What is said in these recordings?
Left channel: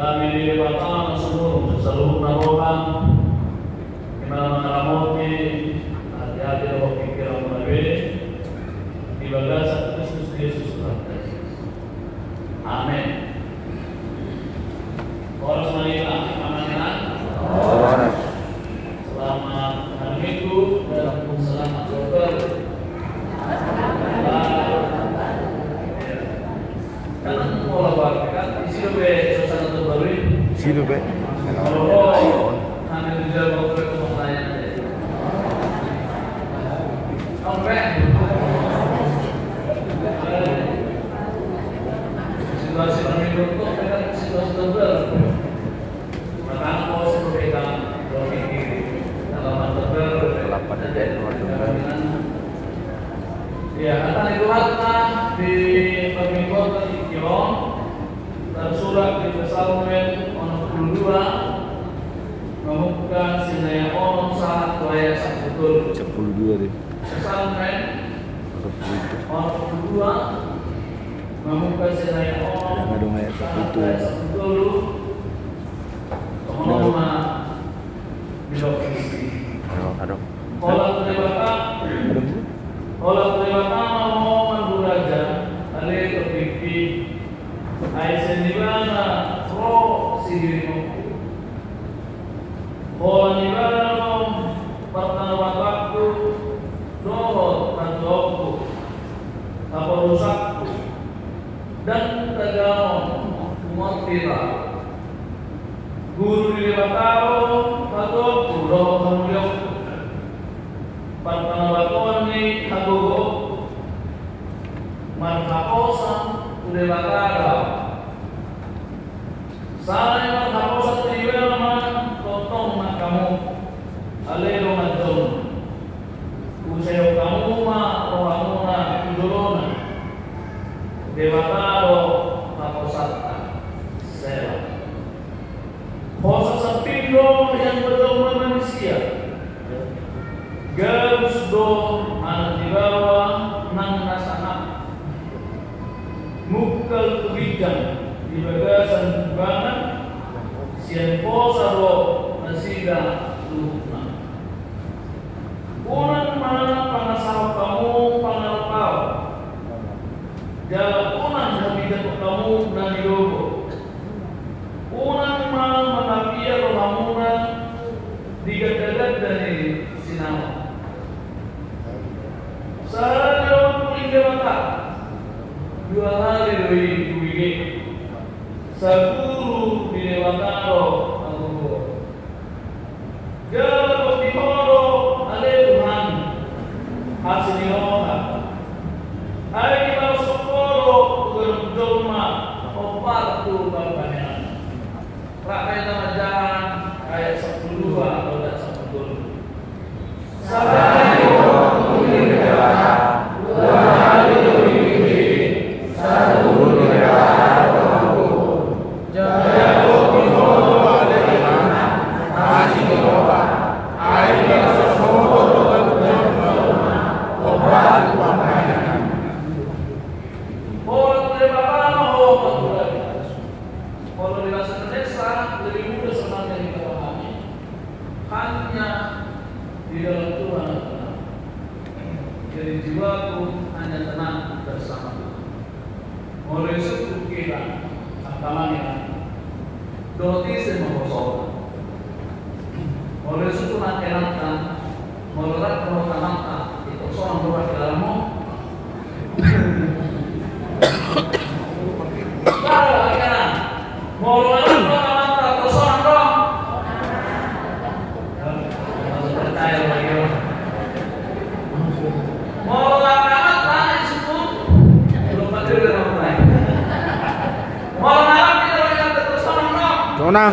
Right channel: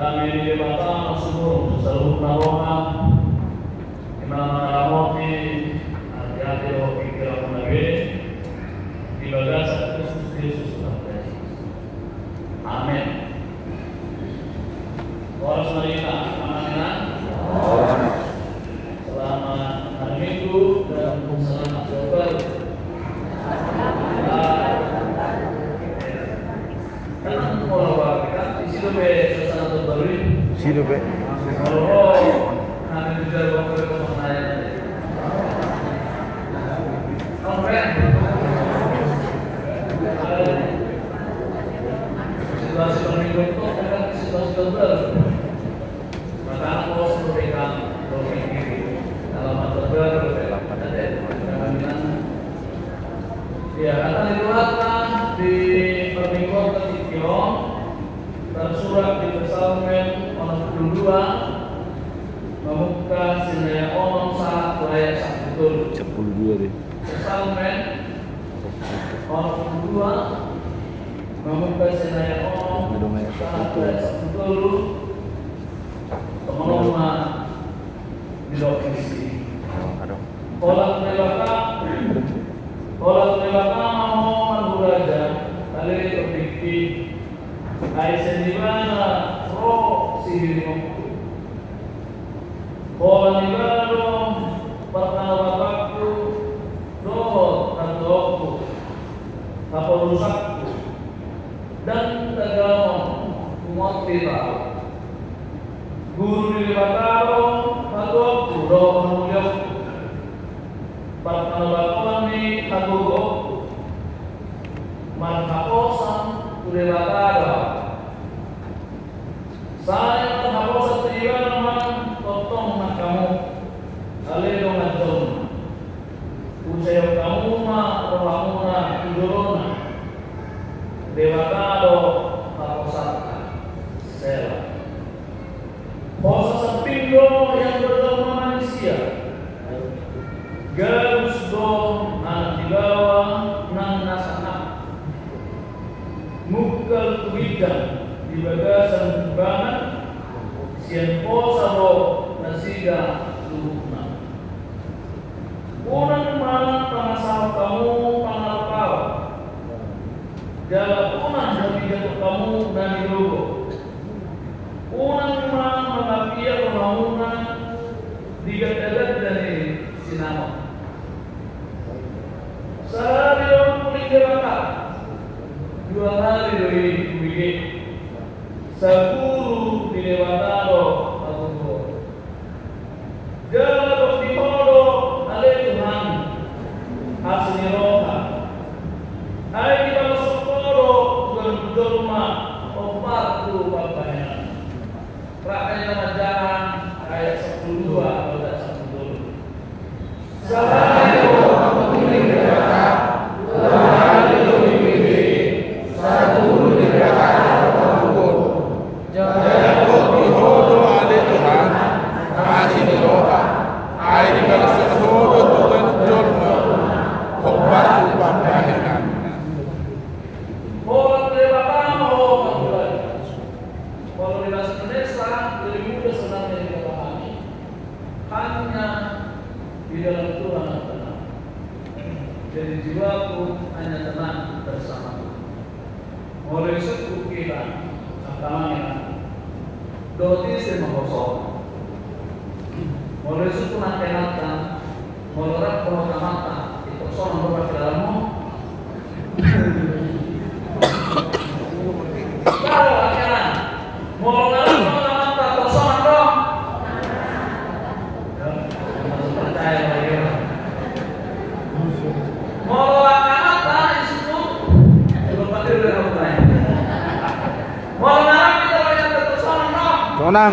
Kami dilibatkan semua seluruh narohan Imam Makamoti hati-hati dalam pikiran menabih ibadah satu Kristus Yesus Kristus. Amin. Orang semuanya aman. Selamat hari Minggu dan selamat dokter. Dan orang berkat isi lebih suasana terbaru. Isi lebih. Kalau ada di dalam waktu pemasaran tadi. Situasi pandemi itu adalah situasi terbaru. Maka mau sampaikan berpikir dalam terbaru. Ya, akan dilihatkan di pemingguan ketiga dan surat di Psalmen 62 membuka sinaya orang saat ayat 1 42 deh. Psalmen 62 membuka sinaya orang saat ayat 1 pengalaman di lokasi. Olah terlibatkan mau menuraja dari kepikir ayat sendiriana roh sihirmu. Olah ibadah dong pertama bapakku doh dan dohku apa rusakku dan tegamon kumotira guru dilibataro dohku doh manuliokku Partanabakoni kagugo marhaposan tulewakara saya marhaposan tujuan man totong na kamu alero madon usayo kamu ma rohamu na idolona dewataro haposata sera posa sapingyo yang berdoma manusia Garus dong anak di bawah nang nasanak mukal kubidang di bagasan kubana sian posa do nasiga lumna unang mana pangasal kamu pangalapau jalan unang memidat kamu dan yogo unang mana mengapia kehamuna digadat dari sinau Sarayon puligamata 2 hari dari kubige Saburu di Dewataro Agunggo Jala Pagkimoro Ale Tuhan Asiniroha Ay di Palasokoro Gurjolma Opatu Bapanya Rakyat Namajahan ayat 12 atau 10 Sarayon di dalam Tuhan dari jiwaku hanya tenang bersama oleh suku kita tantangan doti semangkosok oleh suku nantenatan molorat pemotamata itu seorang berpakaianmu kalau pakaian molorat Tonang.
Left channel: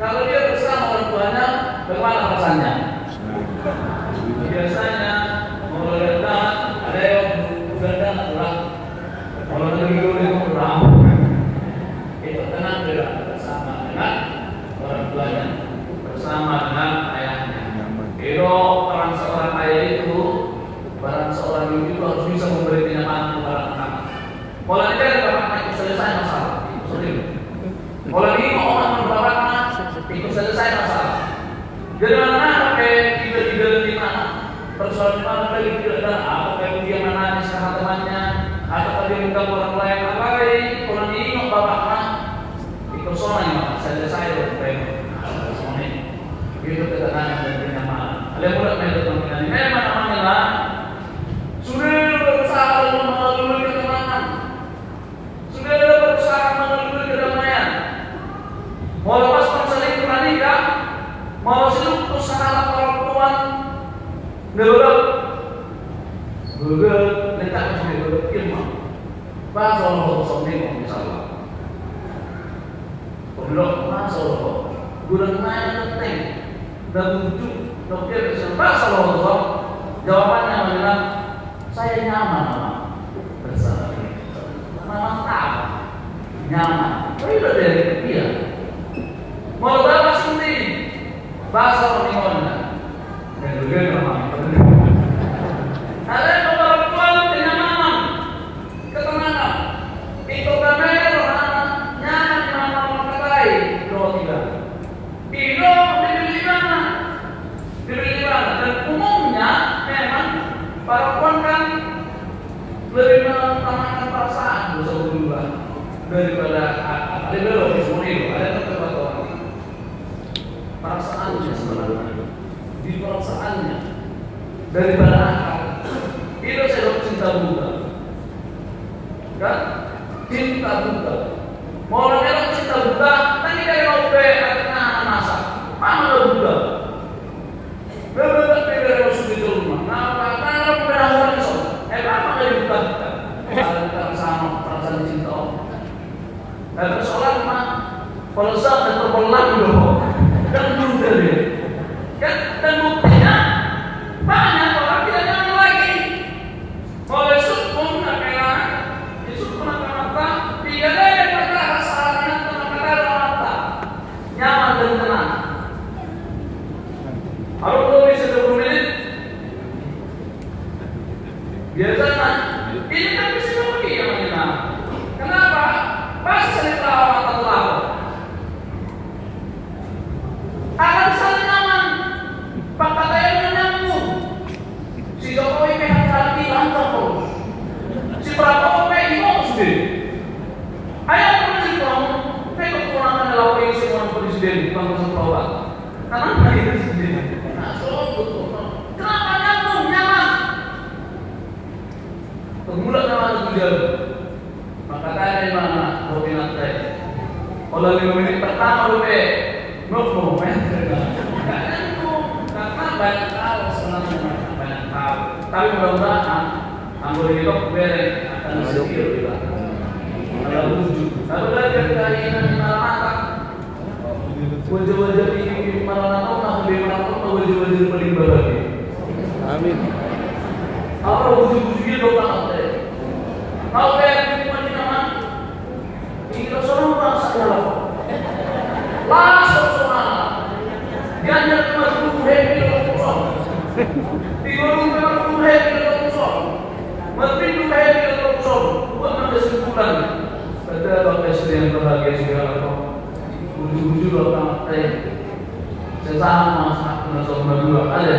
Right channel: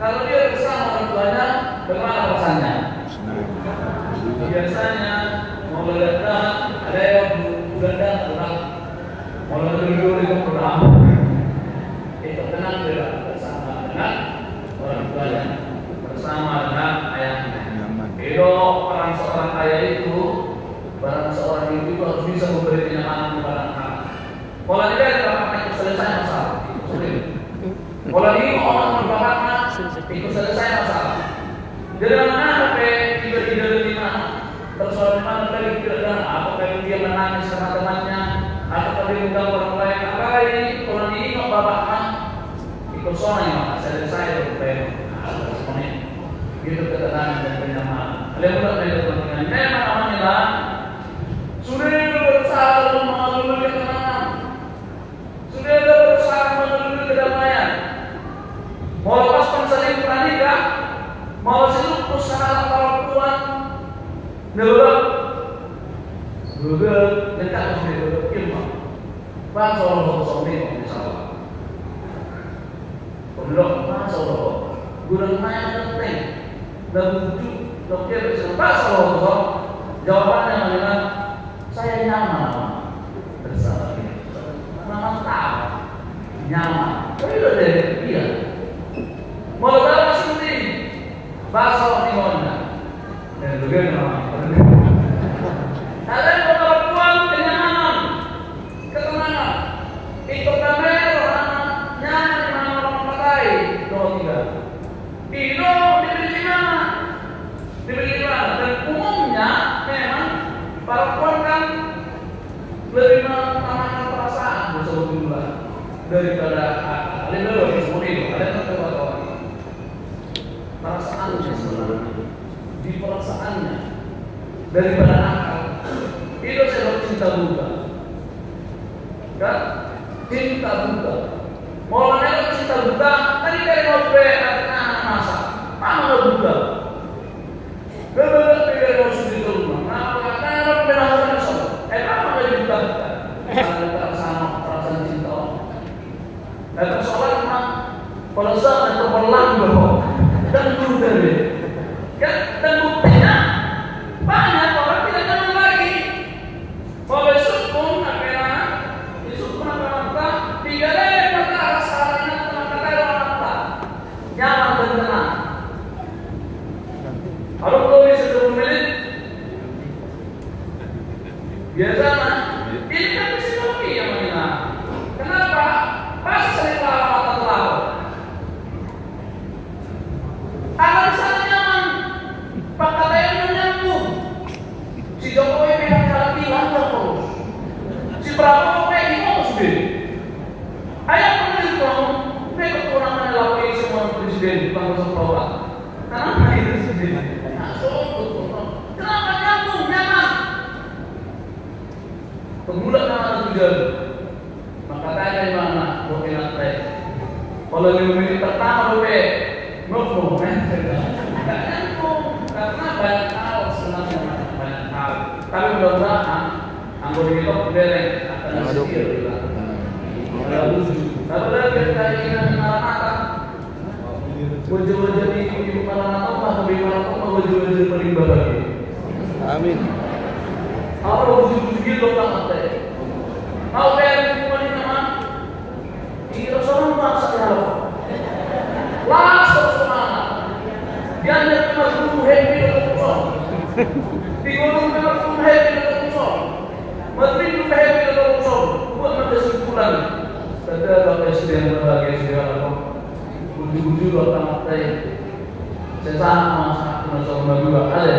Kalau dia bersama orang tuanya, bagaimana perasaannya? Biasanya mau datang ada yang datang pulang, mau datang pulang, itu tenang juga bersama dengan orang tuanya. Kalau ini orang berbahasa ikut selesai masalah. Dari mana sampai ide-ide di mana? Persoalan mana kali tidak ada? Apakah dia menangis sama temannya? Apakah dia bukan orang lain? Apa ini? Kalau ini bapaknya ikut soalnya selesai ada semuanya. Gitu ketenangan dan kenyamanan. Kalian buat meja teman-teman. Memang amanlah. Sudah berusaha mengalami ketenangan. Sudah berusaha mengalami kedamaian. Mau lepas perselingkuhan nikah, mau selingkuh usaha orang tua, nurut, dekat sendiri, ilmu. Bahasa orang sosok misalnya. Kalau bahasa orang, bulan Mei penting dan wujud dokter bahasa orang jawabannya adalah saya nyaman bersama ini. Memang tahu nyaman. Oh iya dari dia. Mau berapa sih bahasa orang Indonesia? Dan juga memang. Ada yang perempuan kenyamanan, ketenangan. Itu kamera nyaman di mana orang pakai dua tiga. Itu dibeli di mana? Dibeli di mana? Dan umumnya memang perempuan kan lebih menanamkan perasaan sebelumnya daripada lebih semua itu. Ada kata-kata perasaannya sebenarnya di perasaannya daripada akal itu sebab cinta buta kan cinta buta mau orang cinta buta tadi dari nope ada masa mana buta beberapa dari masuk di rumah karena penasaran soal apa dari buta ada sama perasaan cinta dan persoalan mah kalau saya terpelan loh dan juga kan dan buktinya banyak orang tidak nyaman lagi. Kalau sukun akhirnya disukun mata dia lagi mata saatnya mata mata nyaman dan tenang. Kalau belum bisa 20 menit biasanya ini kan bisa lebih yang mana? Kenapa? Pas saya mata terlalu akan sangat nyaman. Pak katanya menyambung. Si Jokowi memang lagi langsung terus. Si Prabowo memang sendiri. Ayah menurut kamu, mereka kewenangan lakukan semua presiden di bangsa bawah. Kenapa itu sendiri? Kenapa nyambung nyaman? Pemuda nyaman juga. Maka tanya di mana? Berminat teh. Kalau 5 menit pertama boleh. Ngomong, karena banyak hal sebenarnya banyak hal. Tapi mudah-mudahan anggota itu boleh akan setir juga. Ada wujud. Kalau ada keinginan anak, wajah-wajah di mana Allah lebih mana wajah-wajah beribadah lagi. Amin. Apa wujud-wujud itu banget deh. Mau bayar semuanya nyaman? Kita semua bahasa Allah. Langsung semangat. Jangan cuma tunggu happy dengan kosong. Tinggal cuma tunggu happy dengan kosong. Menteri tunggu happy dengan kosong. Buat kesimpulan. Kata Bapak istri yang berbahagia segala. Ujung-ujung Bapak Mate. Sesama sama sama dua ada.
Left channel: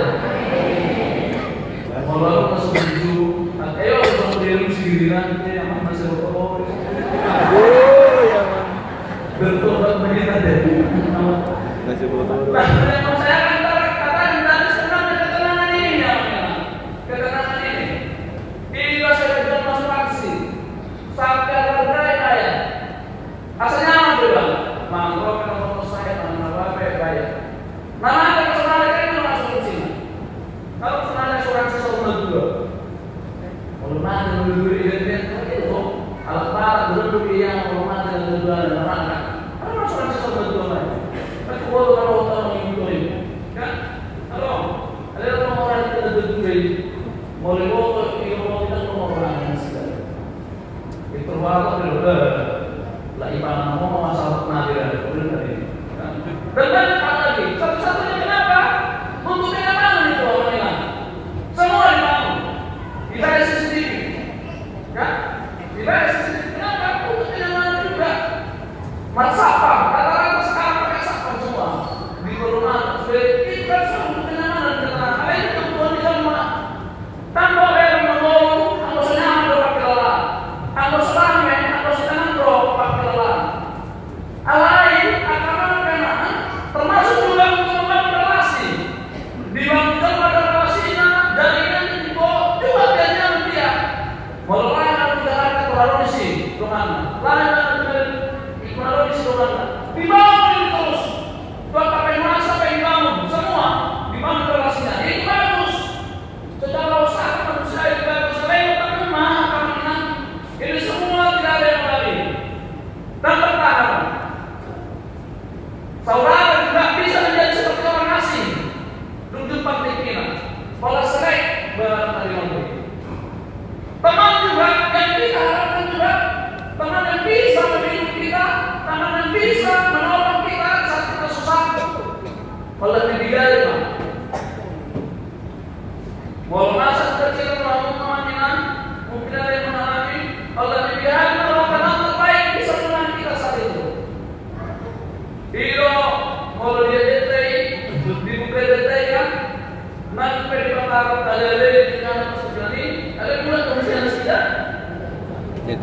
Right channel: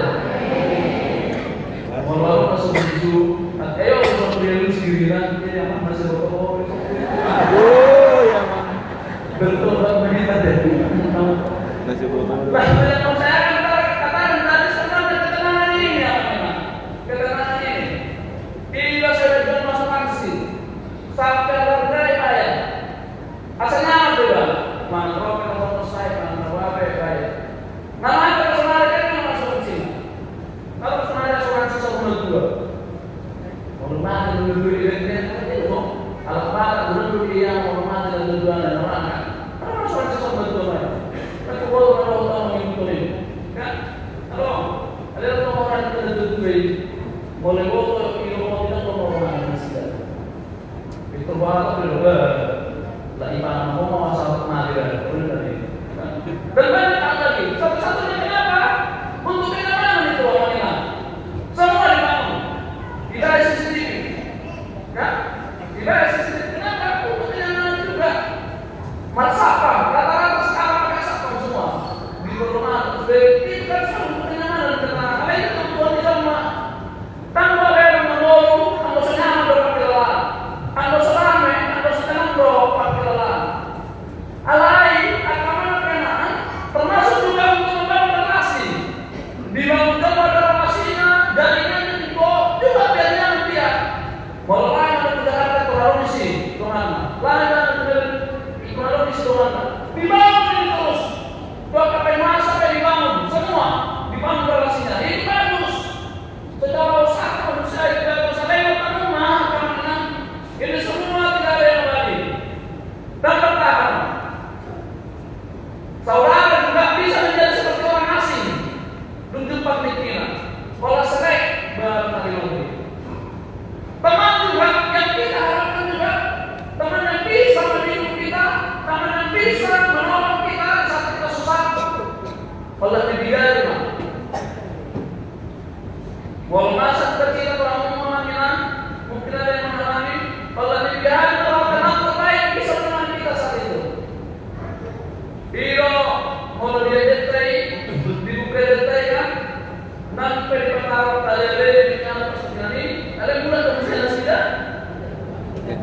Kalau masuk tujuh, ayo kita beri sendiri nanti yang masih berkoor. Aduh, ya man. Bertobat menit ada. Nasi botol. Saya akan katakan dari sebenarnya ketenangan ini ya memang. Ketenangan ini. Ini juga saya jual masuk aksi. Sampai harga kaya. Asalnya apa juga? Mangrove ketemu saya, mangrove kaya. Mana ada kesenangan ini masuk ke sini. Kalau kesenangan asuransi sama dua. Kalau mana dulu identitas itu, alat barang dulu yang mau mana dulu dan mana. Kalau asuransi sama dua. Kalau orang mengikuti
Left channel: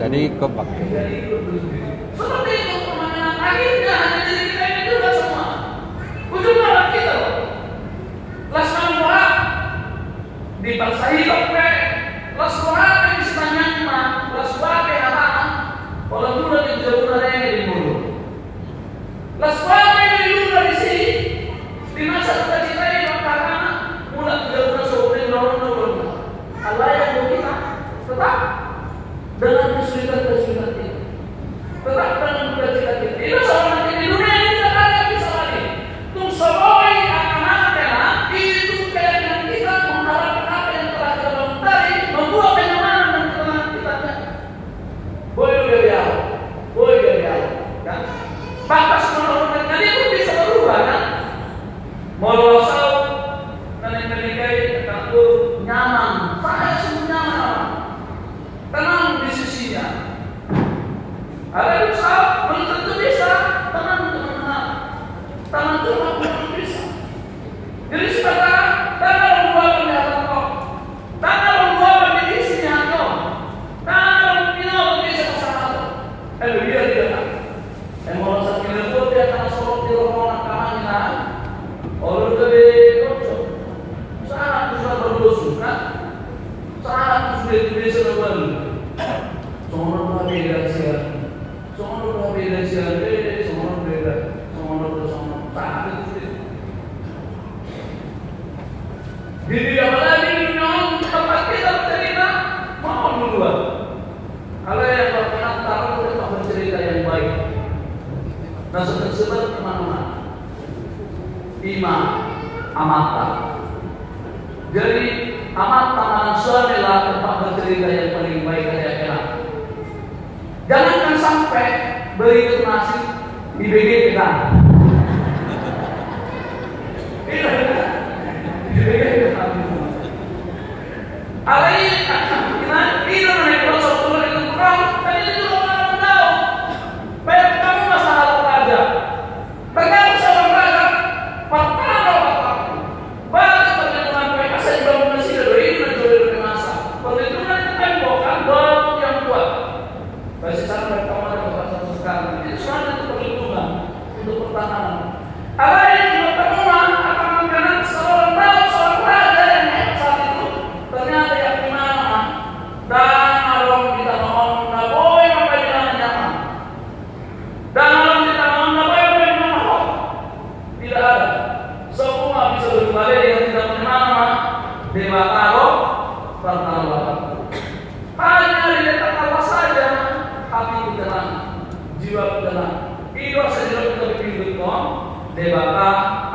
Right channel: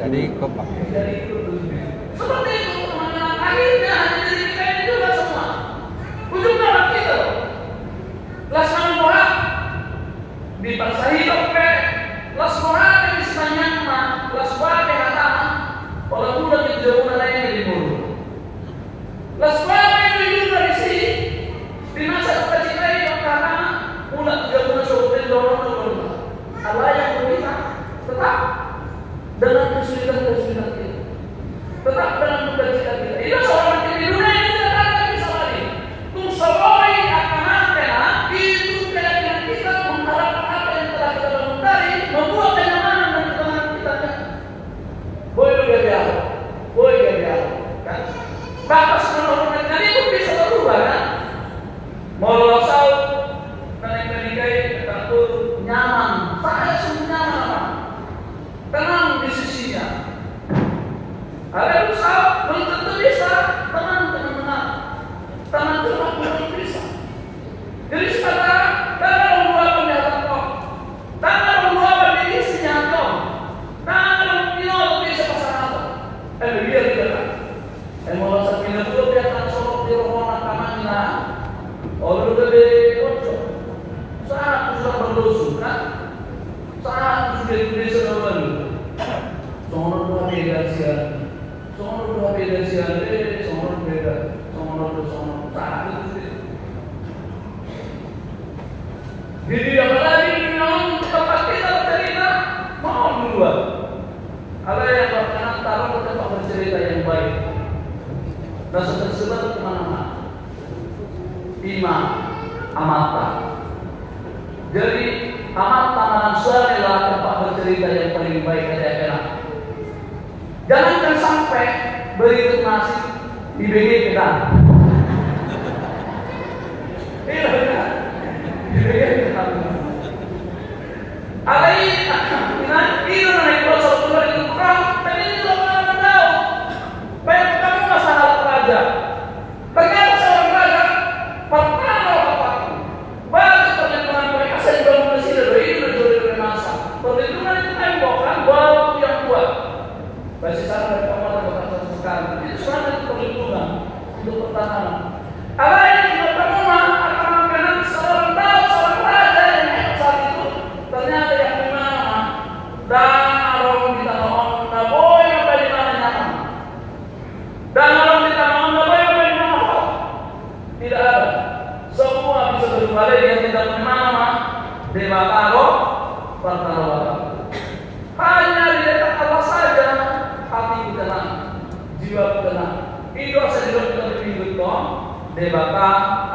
Jadi kepake. Seperti itu pemahaman akhirnya hanya diri kita itu udah semua. Ujungnya apa kita? Las kamera dipasai oke, las kamera yang sebenarnya mah, las kamera yang ada, kalau dulu di jauh dari di mulut. Las kamera yang dulu dari sini, di masa kita ini karena mulai jauh seperti dorong. Allah yang kita tetap dalam kesulitan itu. Tetap dalam kesulitan kita. Itu seorang di dunia ini tidak ada bisa lagi. Tung saboi akan ada itu keyakinan kita mengharapkan apa yang telah kita bangun tadi membuat kenyamanan dan ketenangan kita. Boleh biar, kan? Batas menurunkan itu bisa berubah kan? Mau losau dan yang menikahi aku nyaman, saya semua nyaman. Tenang di sisinya. Ada usaha belum tentu bisa, teman-teman. Teman cuma belum bisa. Jadi sekarang karena membuat penyataan kau, karena membuat pendirinya kau, karena minum bisa bersama. Biar dia kan. Mau rasa minum pun dia akan solok di rumah kamarnya. Orang gede kocok. Saat sudah berdosa, kan? Saat sudah ditulis lalu. Semua orang beda siapa? Semua orang beda siapa? Semua orang beda. Semua orang sama. Saat itu. Jadi apa lagi memang tempat kita bercerita mau duluan. Ada yang berkenan taruh tempat bercerita yang baik. Rasa tersebar kemana-mana. Imam amata. Jadi amata manusia adalah tempat bercerita yang paling baik dari akhirat. Jangan sampai beri nasi di BG kita.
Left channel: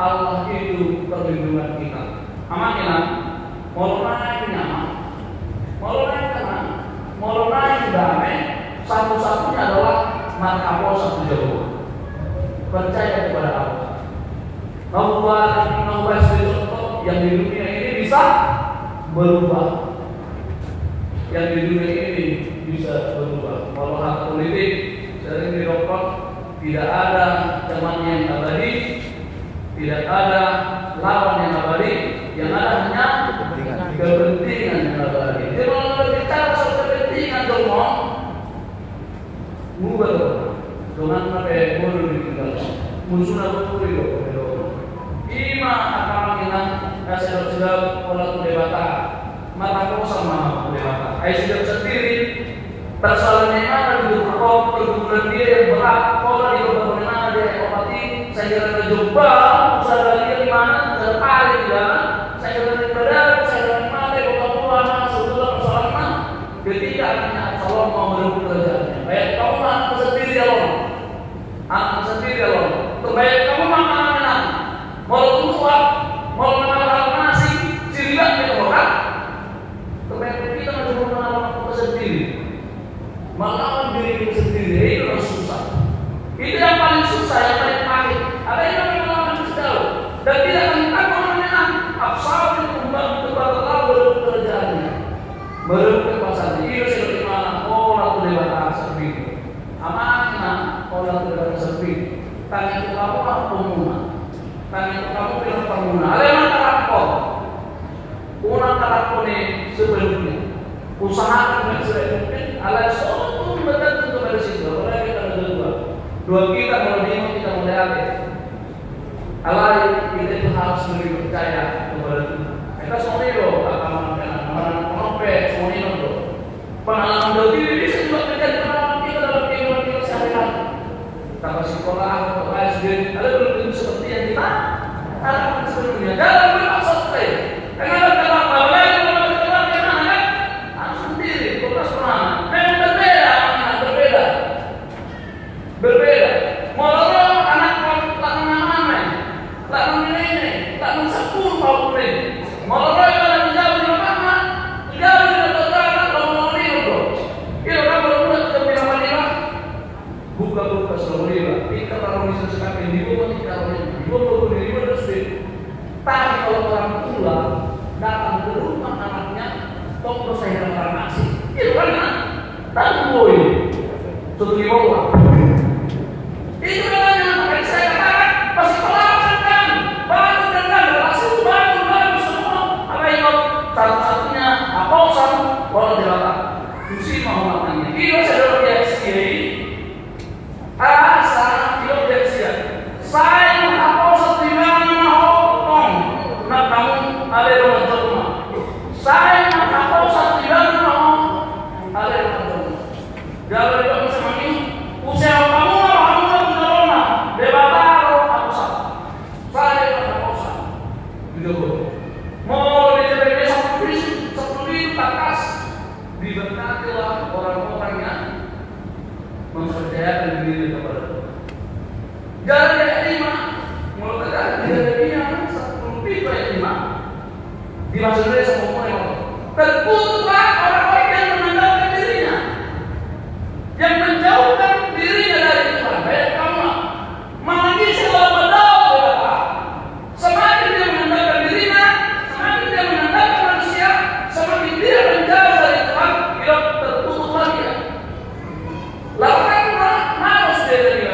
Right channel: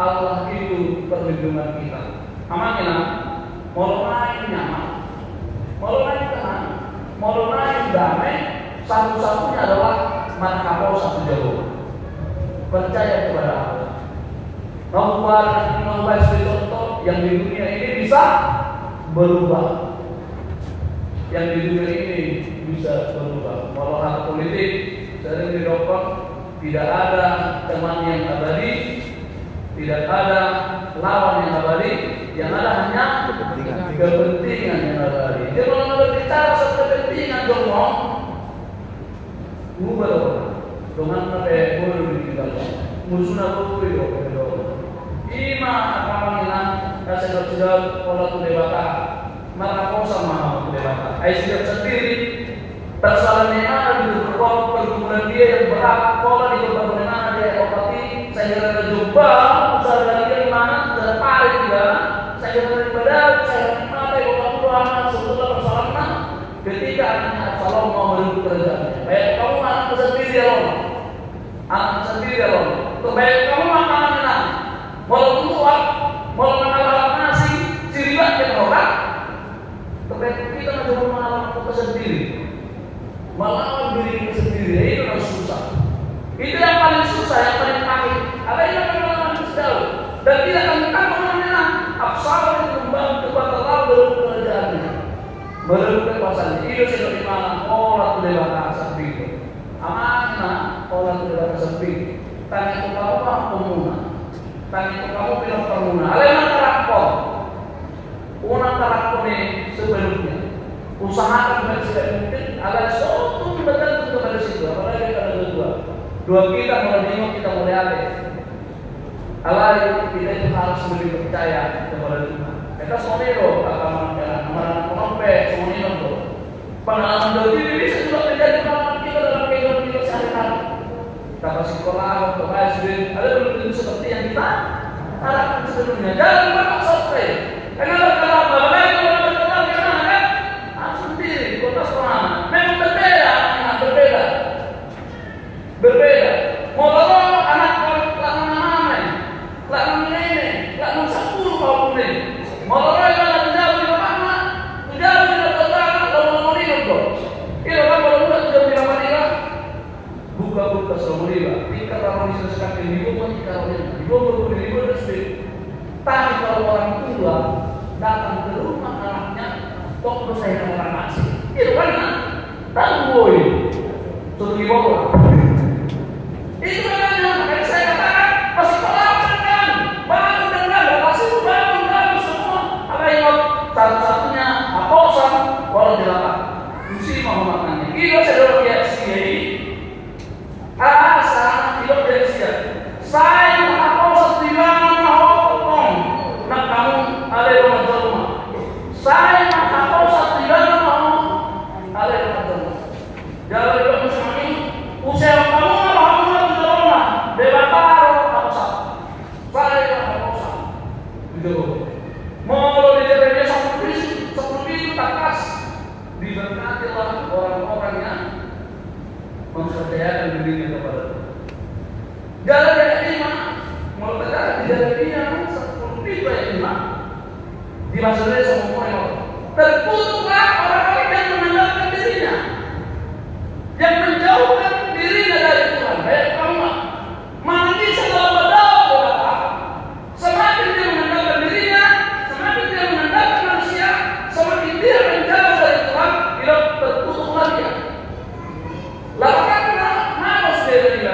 Allah itu perlindungan kita. Makanya mau naik nyaman, mau naik tenang, mau naik damai, satu-satunya adalah markabo satu jalur. Percaya kepada Allah. Membuat contoh yang di dunia ini bisa berubah. Yang di dunia ini bisa berubah. Kalau hak politik sering dirokok, tidak ada teman yang abadi. Tidak ada lawan yang abadi, yang ada hanya kepentingan yang abadi. Jadi kalau berbicara soal kepentingan semua, ubah dengan pakai bolu kita. Musuhnya tuh itu. Ima akan mengingat hasil pola tu dewata, maka kau sama dewata. Sudah sendiri persoalannya ada di kau pergumulan dia yang berat, pola itu bagaimana dia obati. Saya kira terjumpa, usaha dari mana, usaha kali juga. Saya daripada, saya mati orang tua, sebuah persoalan. Ketika anaknya Absalom mau merebut kerajaannya, baik kamu anak sendiri Allah, anak sendiri Allah. Baik kamu mana mau keluar, mau mengalahkan nasi, sehingga kita orang. Baik kita mencoba mengalahkan kita sendiri, melawan diri kita sendiri itu susah. Itu yang paling susah, yang paling pahit. Ada yang melawan sejauh dan tidak menentang namanya Absalom itu kembali kepada Allah merebut kerajaannya, merebut kekuasaannya. Itu sudah di mana orang dewasa seperti amanah orang dewasa seperti tanya itu kamu apa pemuna, tanya itu kamu bilang pemuna. Ada yang antara kau, una antara kau ni sebelumnya. usahakan dengan sebaik mungkin agar suatu mendatang kepada situ. Apalagi kalau dua kita menerima kita melihat. Kalau kita itu harus lebih percaya kepada Tuhan. Kita semua itu akan menopek semua itu. Pengalaman berdiri bisa juga terjadi pengalaman kita dalam kehidupan kita sehari-hari. Kita sekolah atau SD ada belum seperti yang kita harapkan sebelumnya. Jangan bermaksud lain. Karena kalau bapak ibu berteman gimana kan? Harus sendiri, berpas pengalaman. Memang berbeda. Motor anak pelakon namanya, pelakon nenek, pelakon 10 tahun ini. Motor kalau jauh di mana? Jauh di dekat lomba itu. Itu kan kalau udah jauh di mana? Buka semua. Kita kalau diskusikan ini pun kita terus. Tapi kalau orang tua datang ke rumah anaknya, kok saya reklamasi? Itu kan tanggul. Suatu di bawah. Itu namanya makanya saya katakan pasti pelawan kan, bangun dan langsung bangun semua. Apa yang satu-satunya aposan boleh dilakukan. Susi mau melakukannya. Iya saudara PSI. Asa tidak PSI. Saya aposan di mana mau nak kamu ada rumah. Saya aposan di mana ada rumah. Jangan lupa semua ini usia kamu mau lebih seperti takas diberkatilah orang-orang yang mempercayakan diri kepada Tuhan. Jangan yang lima, mau terjadi dari yang seperti yang lima. Dimaksudnya semua orang terputuslah orang-orang yang meninggalkan dirinya, yang menjauhkan dirinya dari Tuhan. Baik kamu, mana bisa berdoa? Semakin dia meninggalkan dirinya, semakin dia meninggalkan manusia, semakin dia menjauh dari Tuhan, dia tertutup lagi. Lakukanlah malas dari dia.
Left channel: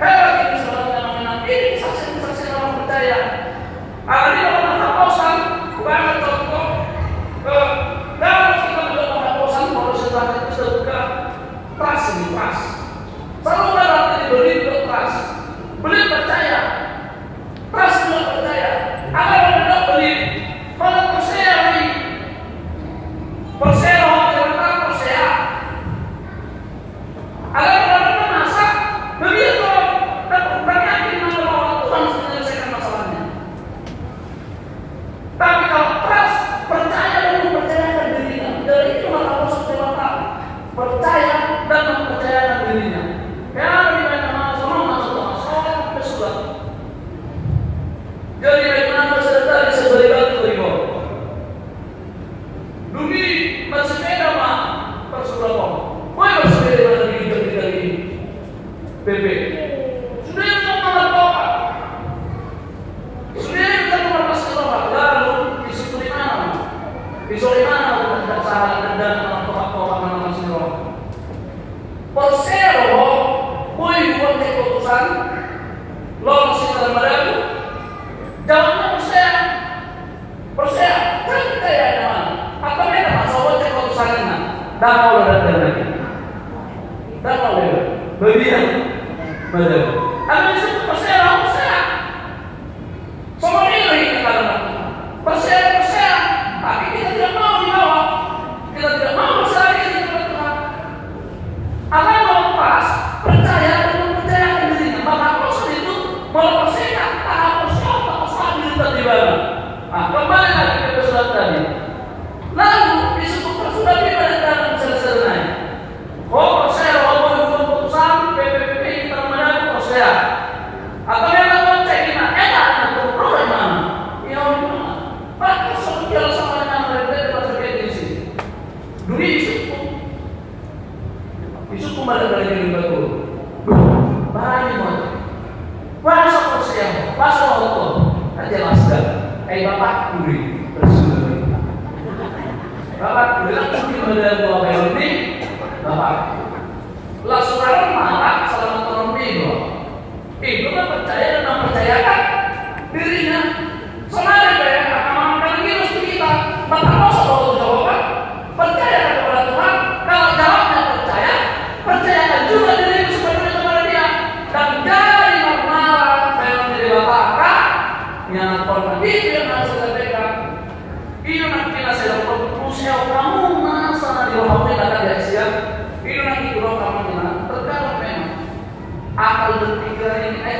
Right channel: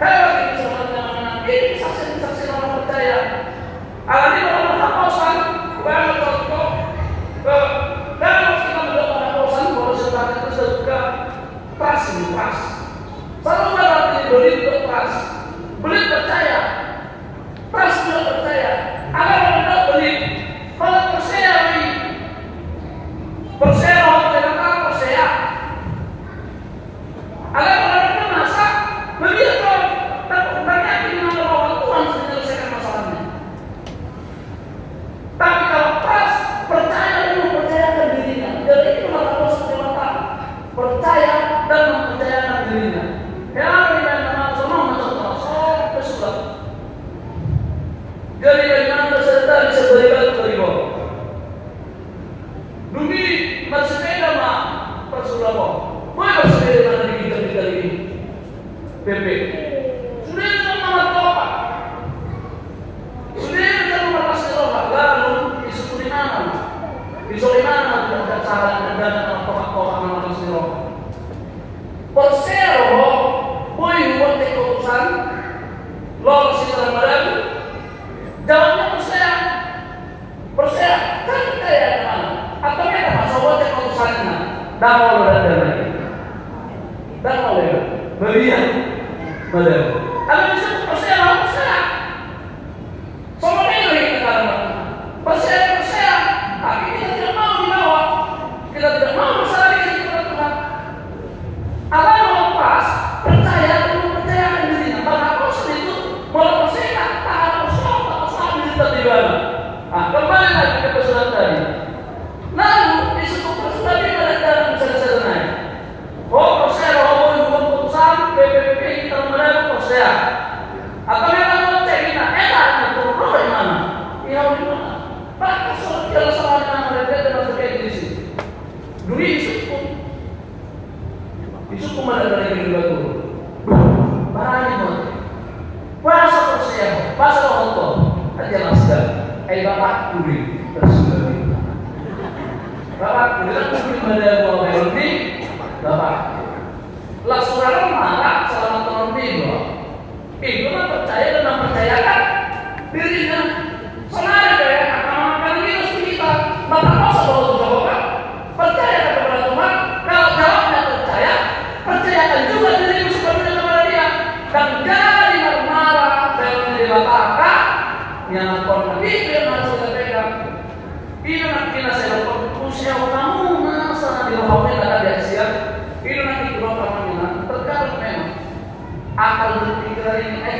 Hebat ini selalu ini saksi orang percaya. Ada orang hapausan, banyak contoh. Kalau kita melihat hapausan, kalau setelah itu sudah buka pas. Selalu berarti beli pas, beli percaya. Pas percaya, agar tidak beli, kalau percaya beli, percaya percaya, agar tidak masak, begitu berarti bahwa Tuhan sudah menyelesaikan masalahnya. Tapi kalau pas percaya dan mempercayakan dirinya, jadi itu adalah sebuah percaya dan mempercayakan dirinya. Ya, tidak masuk ke surga. Jadi bagaimana peserta bisa beribadah beribadah? Duni bersepeda mah persulamo. Boleh bersepeda dari ini. PP. Sudah kita melakukan. Sudah kita melakukan sesuatu. Lalu disebut mana? Disebut mana? Tidak salah dan orang-orang mana semua. Persero, boleh buat keputusan. Lolos kita mereka. Jawabnya percaya, kan percaya teman. Atau mereka masalah keputusannya. Dan kalau lagi, dan kalau berian, benar. Ada disebut percaya. Semua ini kita katakan percaya. Tapi kita tidak mau dibawa, kita tidak mau masalah ini kepada Tuhan. Agar lepas percaya dan mempercayakan dirinya. Bahkan proses itu melepaskan tahap terjadi. Kembali lagi ke surat tadi. Lalu disebut surat ini dalam selesai. Percaya bahwa keputusan PPP kita mendapat percaya. Atau memang cek kita enak berprogram mana? Iya mana? Bahkan soal sama dengan mereka tidak terkait di sini. Dulu disebut pada dari itu. Barang itu. Puasa percaya, puasa Allah. Jelaskan, Bapak Kuri bersumber. Bapak Kuri pada buah ini, Bapak. Lah saudara marah salah satu itu kan percaya dan mempercayakan dirinya. Soalnya ada yang akan makan ini mesti kita. Bapak mau selalu jawaban. Percaya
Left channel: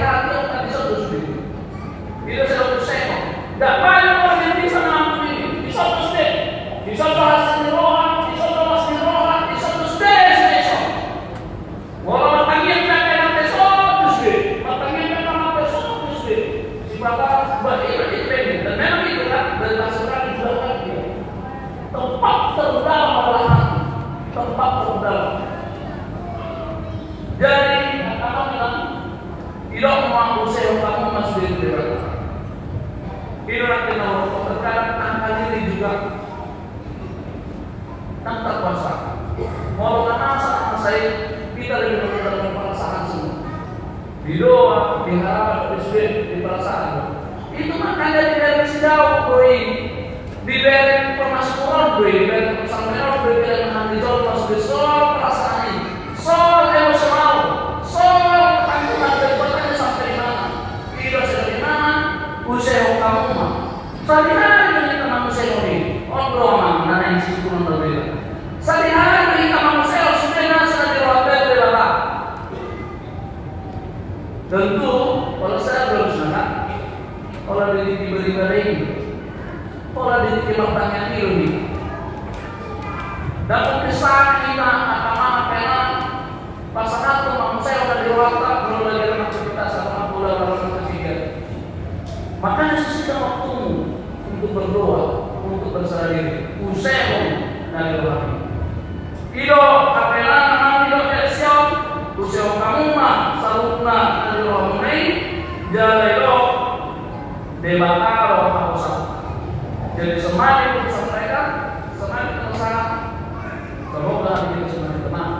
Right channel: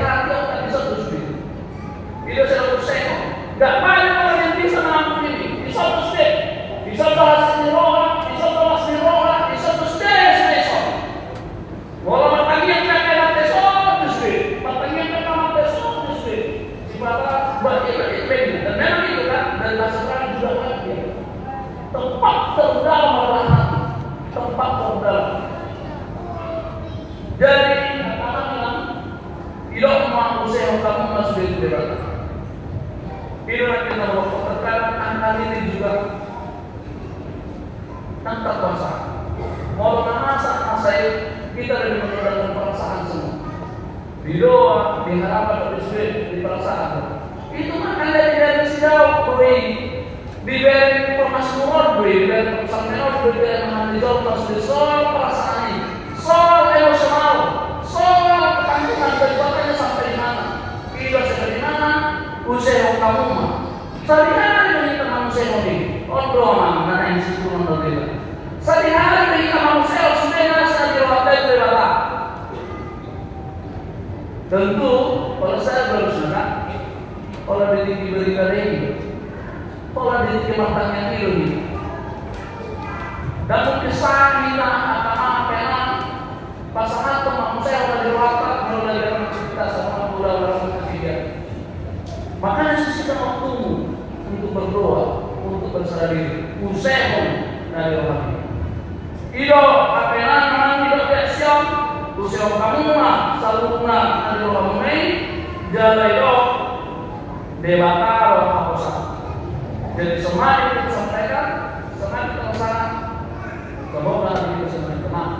hati orang bisa terus gitu. Itu saya berseko. Gak banyak orang yang bisa mengampuni ini. Bisa terus deh. Bisa bahas roh, bisa bahas roh, bisa terus deh. Walau bertagihan mereka terus deh. Bertagihan mereka terus deh. Si bapak buat itu dan memang itu kan dari bahasa Quran juga kan. Tempat terdalam adalah hati. Tempat terdalam. Jadi apa bilang? Tidak mampu saya kamu masuk di dunia. Itu nanti nomor terkadang angka ini juga tanpa kuasa. Mau masa saya kita lebih menggunakan perasaan semua. Di doa, di harapan, di perasaan. Itu makanya dari sedau beri diberi permasmuran beri dan persamaan beri dan hati jauh masuk soal perasaan ini, soal emosional, soal keangkuhan terjadinya sampai mana, tidak sampai mana, usaha kamu mah. Sehari-hari kita manusia ini, doa dan yang disebut berbeda. Sehari-hari kita manusia sudah nasa diwakil. Tentu kalau saya belum senang, kalau diberi kering, kalau diterima banyak ini, dapat kesan kita apa pasangan teman saya sudah diwakil, belum lagi orang kita sama bulan orang ketiga. Maka sisa waktumu untuk berdoa, untuk berserah diri, usaha dari hati. Ido kapelan anak ido pensiun, usaha kamu mah salutna dari orang lain, jalelo debakar orang usah. Jadi semakin kita sampaikan, semakin kita usaha. Semoga hati kita semakin tenang,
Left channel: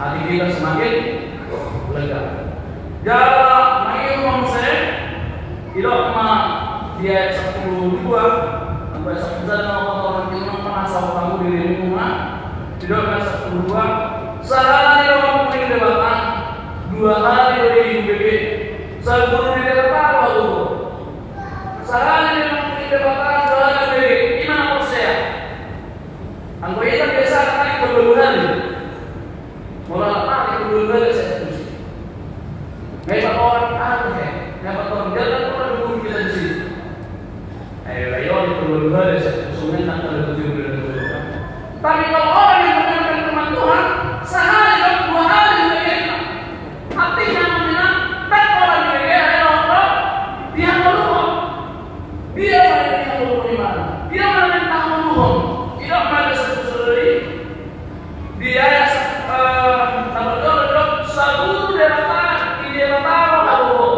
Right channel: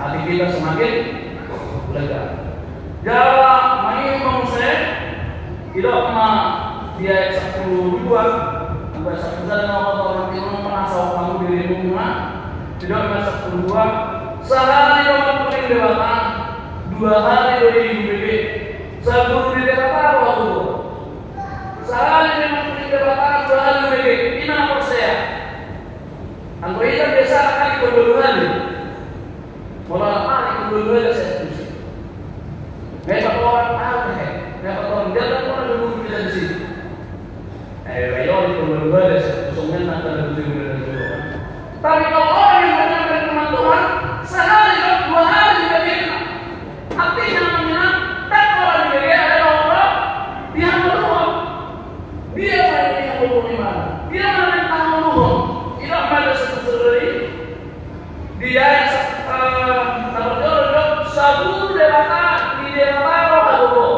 hati kita semakin lega. Jalan main manusia, tidak cuma dia 12 sampai 1 bulan orang yang merasa kamu dirimu mana, tidak ada 12 sehari orang mungkin dewatan 2 hari dari UBG seguru di dewatan waktu sehari mungkin dewatan 2 hari UBG gimana menurut saya? Angko itu biasa kali keduluan mulai apa keduluan saya setuju hebat orang apa ya hebat orang jalan orang dulu kita di sini kayak keduluan saya semuanya nanti ada keduluan tapi kalau orang yang menyampaikan firman Tuhan sehari dan 2 hari diberikan artinya mengenal dan orang diberikan adalah Allah dia meluang dia meluang dia meminta meluang tidak pada sesuatu dia sabu dewata di dewata roh aduh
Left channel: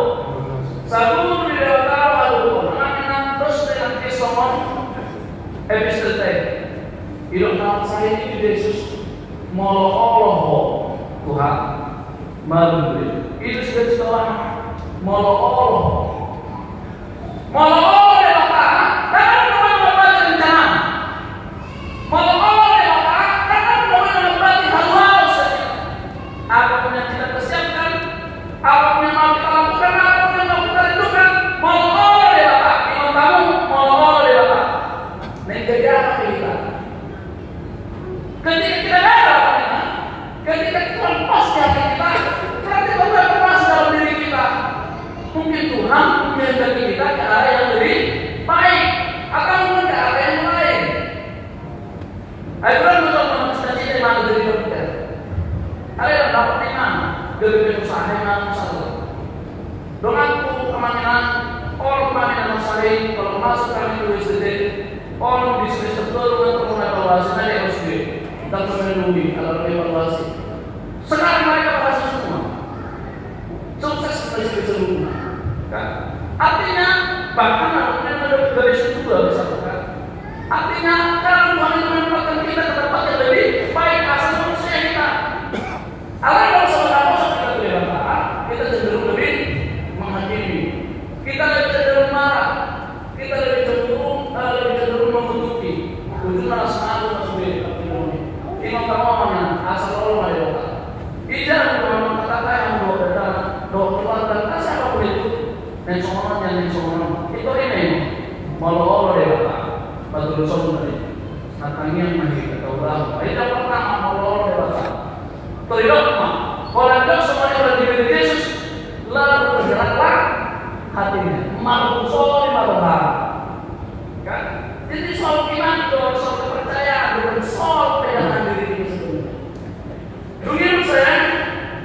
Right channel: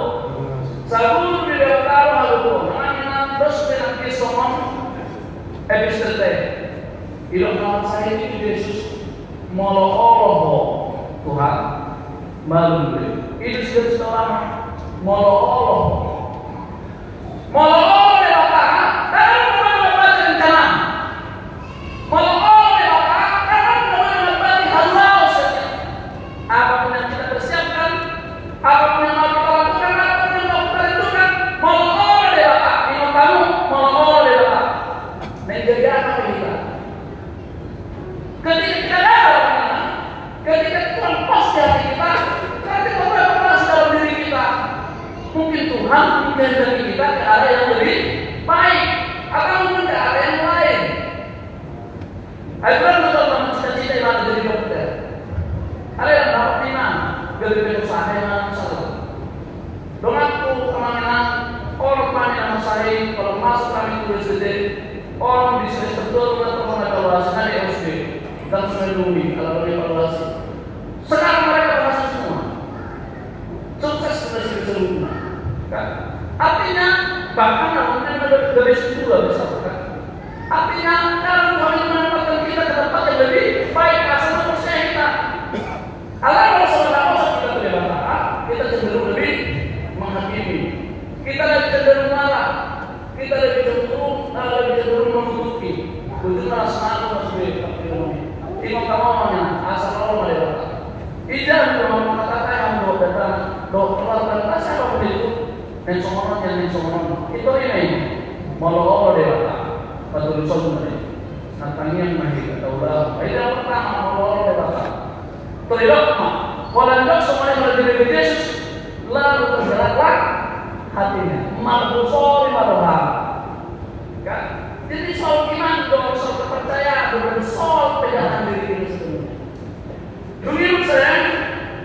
sabu di dewata roh aduh namanya terus dengan kisahon episode ilang saya ini Yesus molo Tuhan malu itu setelah molo dewata dan membuat rencana molo dewata dan membuat haluan apapun yang kita persiapkan apapun yang mau kita lakukan apapun yang mau kita rindukan molo dewata imam kamu molo dewata menjadi apa kita ketika kita ada apa ketika kita lepas di hati kita ketika kita lepas dalam diri kita mungkin Tuhan menjadi kita ke arah yang lebih baik atau mungkin ke arah yang lain. Abraham juga pernah cita-cita di mana jadi dokter. Ada yang dapat di mana? Dari usaha yang mana satu. Denganku kemana orang kemana masalah kalau masuk kami tulis detik orang bisnis betul dan perlu evaluasi nanti harus dan menelui kalau evaluasi. Sekarang mereka berhasil semua. Sukses dari seluruhnya. Kan? Artinya bahkan mungkin ada garis juga bisa kan? Artinya kalau Tuhan itu menempatkan kita ke tempat yang lebih baik asal manusia kita. Kalau saudara kita beribadah, kita cenderung lebih menghakimi. Kita lebih cenderung marah. Kita lebih cenderung menutupi. Ujung malah semalu masuk di tempat ini. Imam kawannya asal Allah ya. Ijazah memang katakan dokter dan siapapun itu dan semua itu ini malu dia betul betul makanya nanti kita udah itu pertama malu dia terlibat mah kalau anda semuanya sudah diberi Yesus lalu bergeraklah hatinya. Mampu sol madoha. Kan? Jadi soal iman, soal kepercayaan, soal pegangan diri ini sendiri. Begitu saya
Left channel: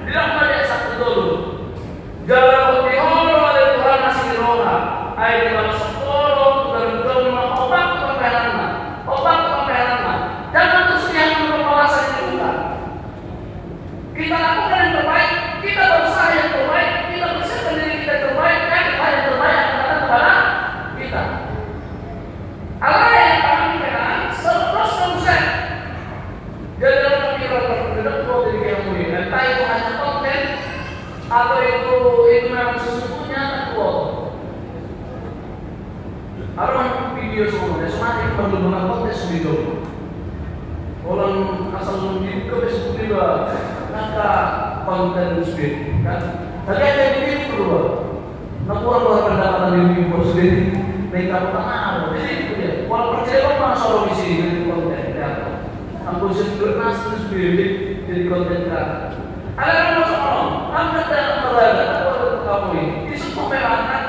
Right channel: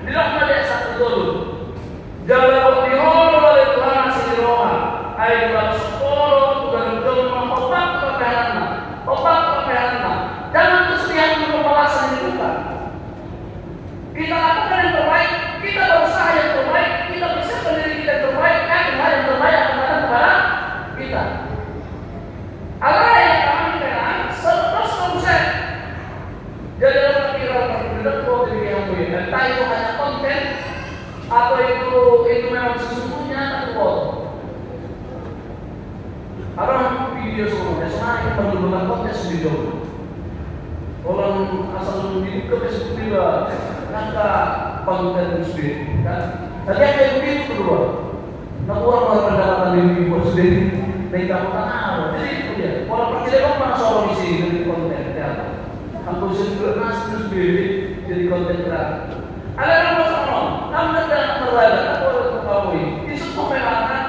bilang pada satu dulu. Jalan diholo oleh Tuhan masih di roha. Ayo dalam sepuluh berjuang obat kepakarannya, obat kepakarannya. Jangan terus yang membawasan kita. Kita lakukan yang terbaik, kita berusaha yang terbaik, kita bersiapkan diri kita terbaik, yang terbaik akan kepada kita. Allah yang kami kenal, terus konsep. Jadi dalam pikiran terpilih dua diri yang mulia. Entah itu hanya konten atau itu memang sesungguhnya terbuat. Orang video semakin benar-benar konten video. Orang asal memiliki besok juga nyata konten sendiri. Kan? Tadi ada yang begitu dulu. Nampaklah pendapatan ibu sendiri. Kita bertanya, jadi itu dia. Kalau percaya orang soal misi jadi konten kreator. Aku sendiri masih sendiri jadi konten kreator. Ada orang masuk orang, kamu tidak berada, aku ada ketahui. Isu memang kan,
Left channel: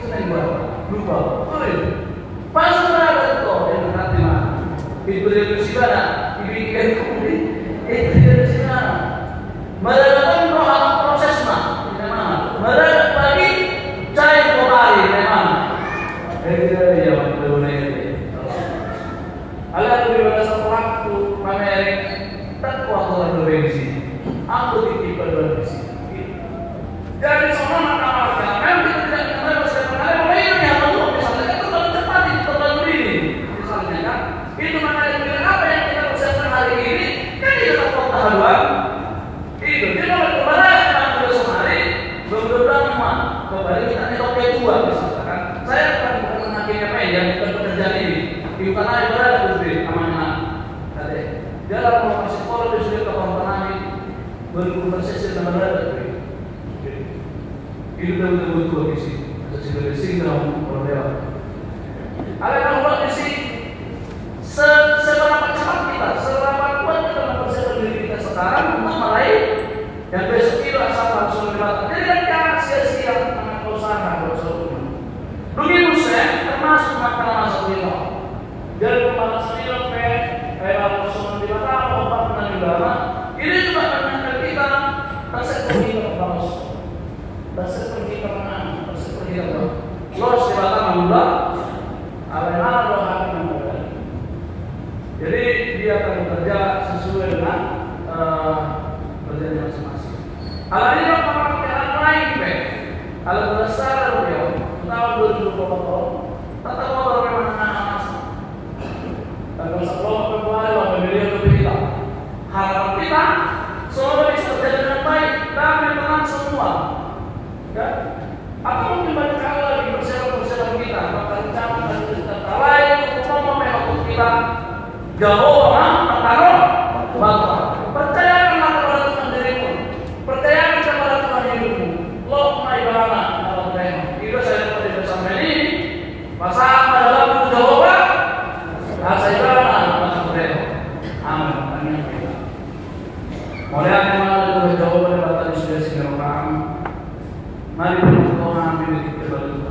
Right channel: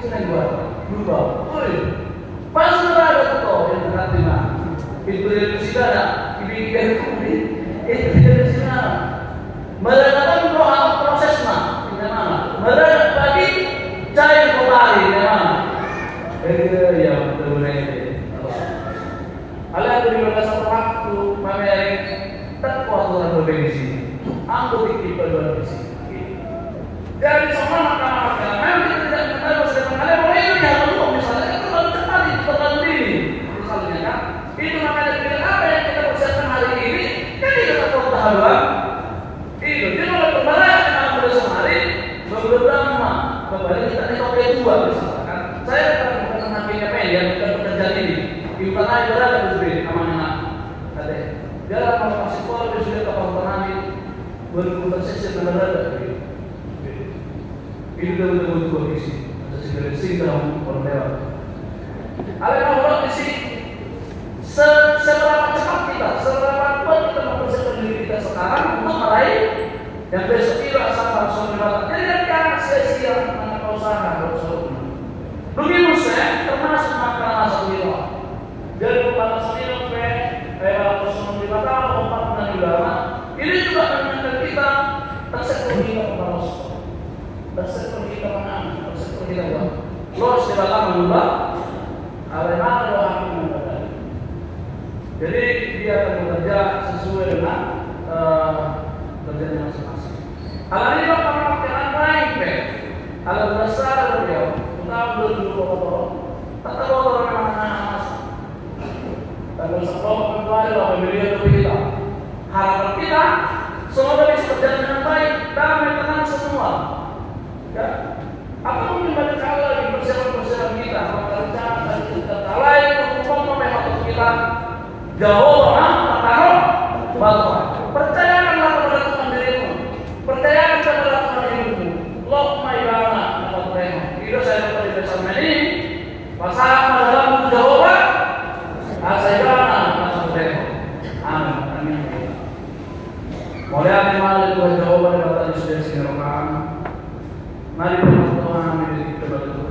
isu yang lupa. Pas berada itu yang berarti mana? Itu dari segala, dibikin itu dari segala. Melakukan doa prosesnya, bagaimana? Melakukan bagi cari kembali, bagaimana? Ya betul ini. Alhamdulillah satu waktu pamer terkuat berbensi. Aku ditipu berbensi. Jadi semua makanan memang tidak harus terkenal. Kalau ini yang perlu misalnya itu terlalu cepat, terlalu dini. Misalnya kan, itu makanya dengan apa yang kita usahakan hari ini, kan kita tahu tahapan. Itu dia kalau kembali dengan sehari, beberapa nama kembali kita pakai dua misalkan. Saya akan mengambil yang terjadi ini. Di mana berada di amanah. Tadi dalam proses sekolah dia sudah tahu berproses yang berada. Ini betul betul isi. Sesuai singgah berbeda. Ada kalau di sini seberapa cepat kita, seberapa kuat kita mempersiapkan diri kita sekarang untuk meraih dan besok itu asal langsung berbuat. Jadi jangan sia-sia mengenai usaha usaha. Begitu saya termasuk makanan asal itu. Dari kepala sendiri kosong di mana obat di dalam ini juga mengenai kita tersekur kita kepala tersekur kita menang tersekur kita lolos di belakang juga ada mana loh akan berada. Jadi dia akan bekerja sesuai dengan kerjanya masing-masing. Hal ini akan pakai lain hal besar dia tahun 2020 tak tahu bagaimana dan sekolah kembali lah membeli kita. Harapan kita semoga bisa berjalan dengan baik dan menang semua. Ya, apa mungkin banyak kali lagi persiapan kita, maka rencana kita lain untuk memperbaiki kita jauh taruh bakal. Percayakanlah kepada Tuhan dirimu, percayakan kepada Tuhan dirimu. Loh, mai bana dapat tema. Itu saya dapat bersama ini. Pasang dalam jawaban. Saya masuk tema. Amin. Mulai memang itu jawaban dapat disediakan. Mari kita mengambil kita dulu.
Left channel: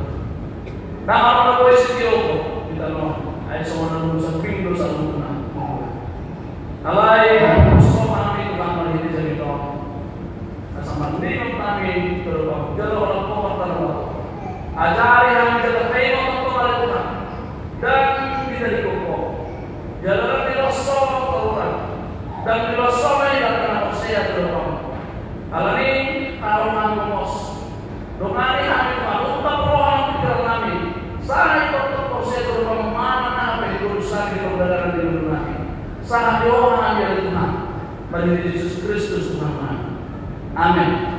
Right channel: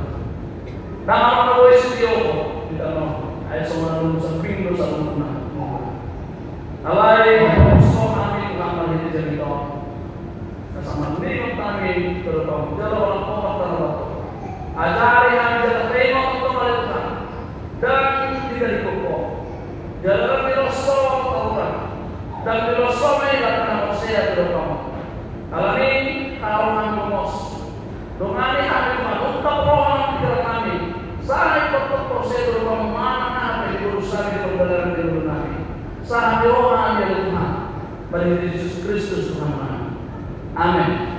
Nah, kalau studio kita mau, ada semua lulusan pintu salungan. Alai semua kami mengamal di cerita. Bersama dengan kami berbau jalan orang tua terlalu. Ajari yang kita terima untuk hari Tuhan dan tidak dikokok. Jalan filosofis terlalu dan filosofis yang akan bersih terlalu. Kalau ini kalau ngomong Domani kami mengutuk orang di kami. Sangat betul proses terlalu mana yang berusaha di kebenaran di kami. Sangat doa dari Tuhan. Bagi Yesus Kristus Tuhan. Amin.